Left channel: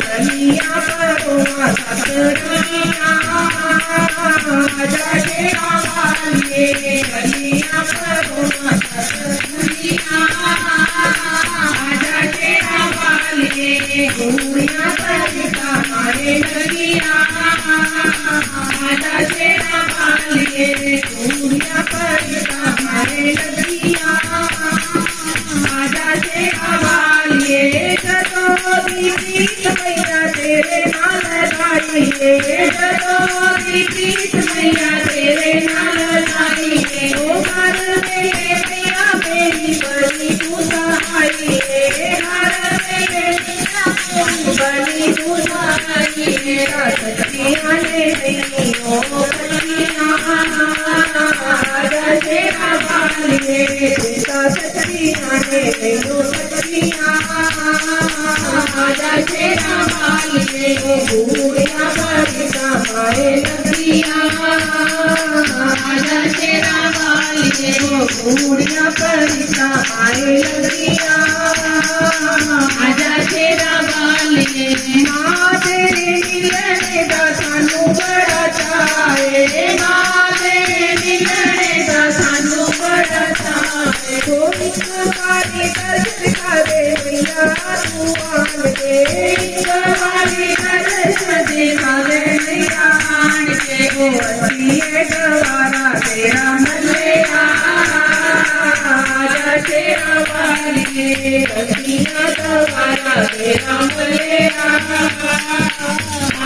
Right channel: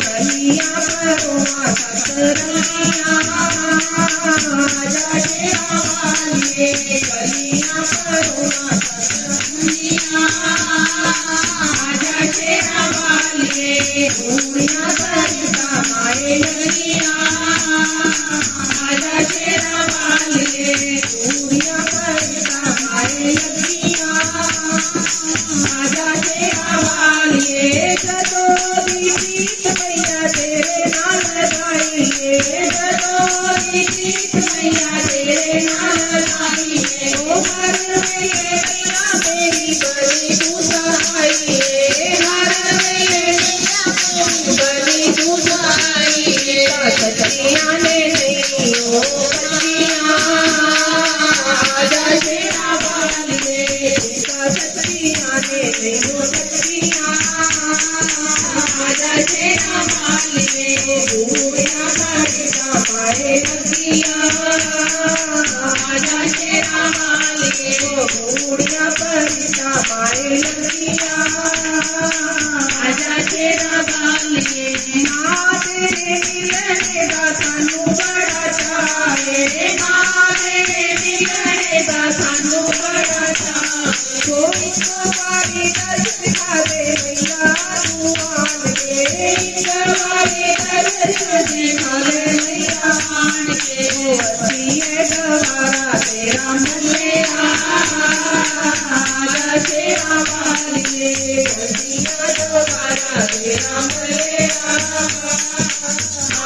कलिया परोमा सतरंगिया आजा शेरा वालिए कलिया परोमा सतरंगिया आजा शेरा वालिए दुनिया परिता माए नगिया आजा शेरा वालिए दुनिया परिता माए नगिया आजा शेरा वालिए जतो बीत मैया तेरे नाल गाइए जतो बीत मैया तेरे नाल गाइए ओ हर मेरे मैया मेरी बड़ी तू सहाइए हर मेरे मैया मेरी बड़ी तू सहाइए सखियां ने नहीं ओ सखियां आजा शेरा वालिए पिता सखियां ने नहीं ओ सखियां आजा शेरा वालिए बूढ़िया परिता माए नगरिया आजा शेरा वालिए बूढ़िया परिता माए नगरिया आजा शेरा वालिए माँ तेरे मिलने का सानू बड़ा चाहे माँ तेरे मिलने का सानू बड़ा चाहे कोई कमारी दर्द खा दे मैया तू आन दे कमारी दर्द दे मारे मैया आन के वो अच्छी है गवारा तेरा मलेरा आजा शेरा वालिए गलिया गवारा तेरा मलेरा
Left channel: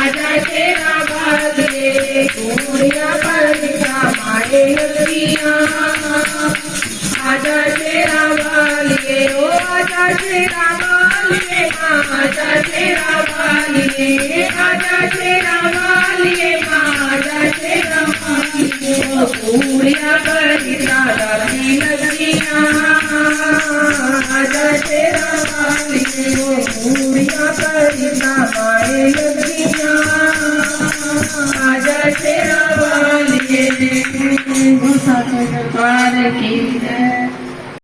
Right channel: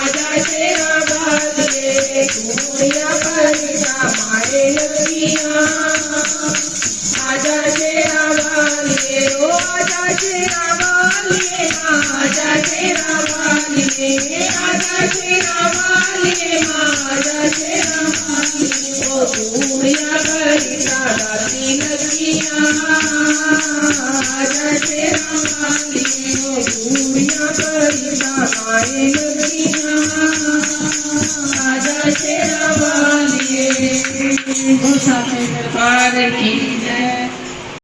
आजा शेरा वालिए दुनिया परिता माए नगरिया आजा शेरा वालिए ओ आजा शेरा वालिए आजा शेरा वालिए आजा शेरा वालिए आजा शेरा वालिए ओ दुनिया परिता दासी नगरिया आजा शेरा वालिए ओ दुनिया परिता माए नगरिया आजा शेरा वालिए। गुरु साथे दरबार की जय।